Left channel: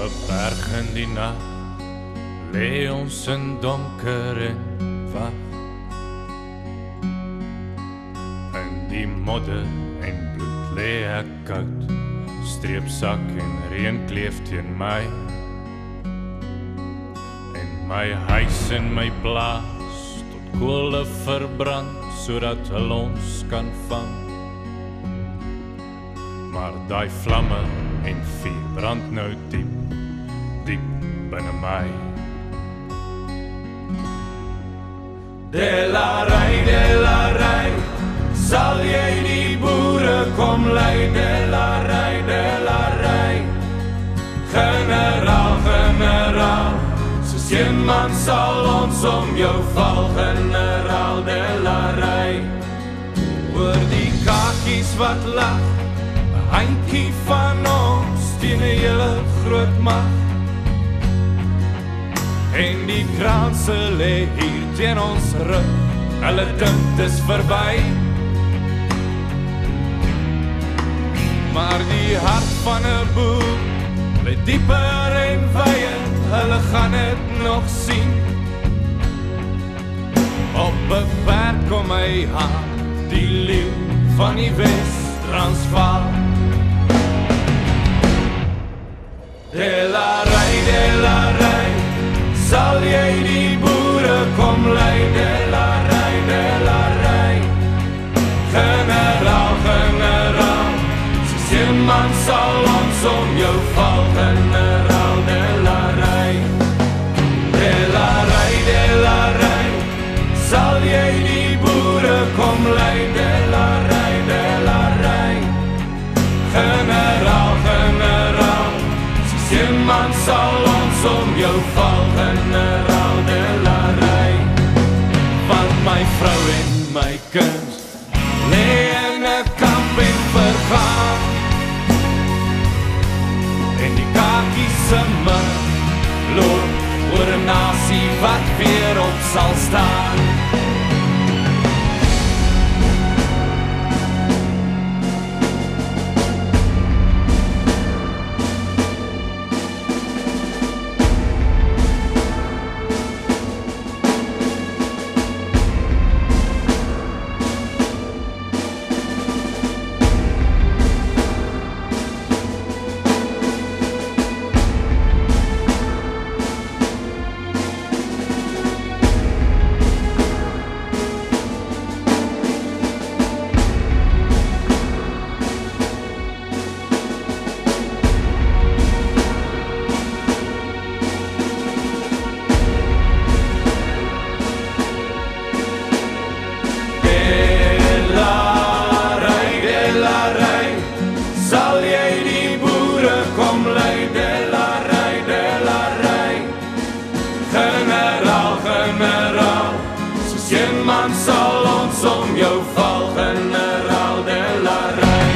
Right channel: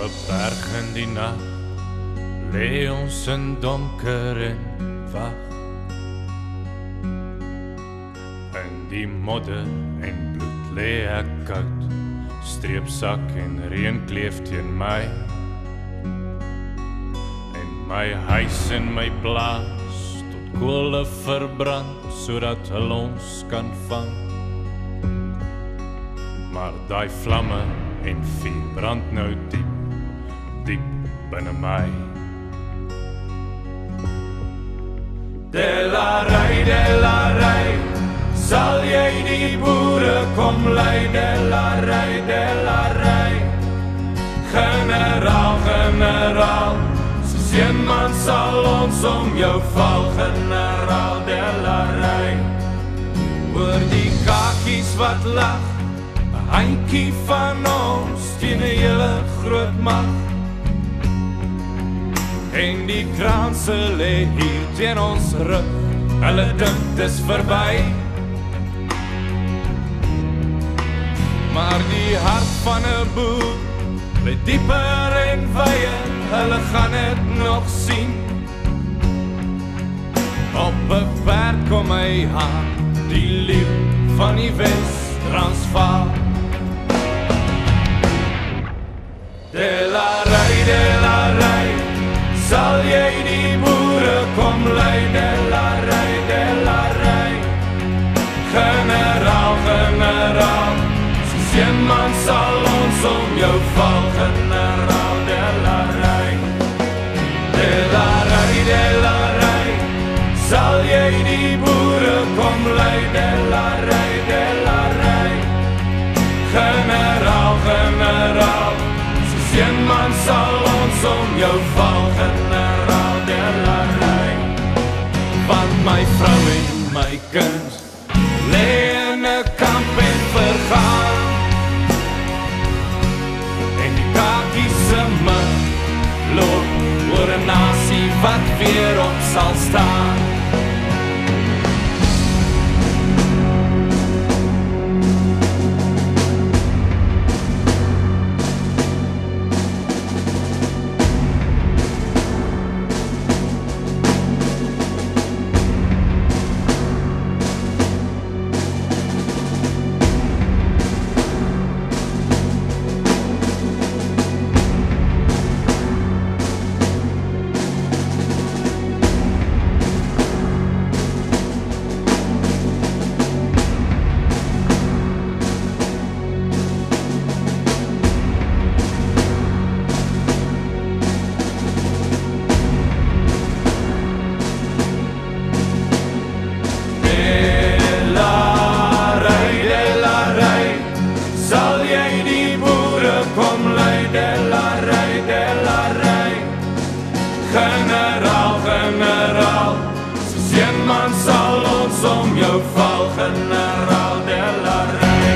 'n berg in die nag, lê ons in donker en wag. In die modder en bloed lê ek koud, streepsak en reën kleef teen my. En my huis en my plaas tot kole verbrand, sodat hulle ons kan vang. Maar daai vlamme en vuur brand nou diep, diep binne my. Delarai, sal jy die boere kom lei? Delarai, generaal, soos een man sal ons om jou val, generaal. Delarai, oor die kakies wat lag, 'n handjie van ons teen 'n hele groot mag. En die kraanse lê hier teen ons rug, hulle dink dis verby. Maar die hart van 'n boer lê dieper en wyer, hulle gaan dit nog sien. Op 'n perd kom hy aan, die leeu van die Wes-Transvaal. Delarai, sal jy die boere kom lei? Delarai, generaal, soos een man sal ons om jou val, generaal. Delarai, sal jy die boere kom lei? Delarai, generaal, soos een man sal ons om jou val, generaal. Delarai, want my vrou en my kind lê in 'n kamp en vergaan, en die kakies se mug loop oor 'n nasie wat weer op sal staan. Generaal, soos een man sal ons om jou val, generaal. Delarai.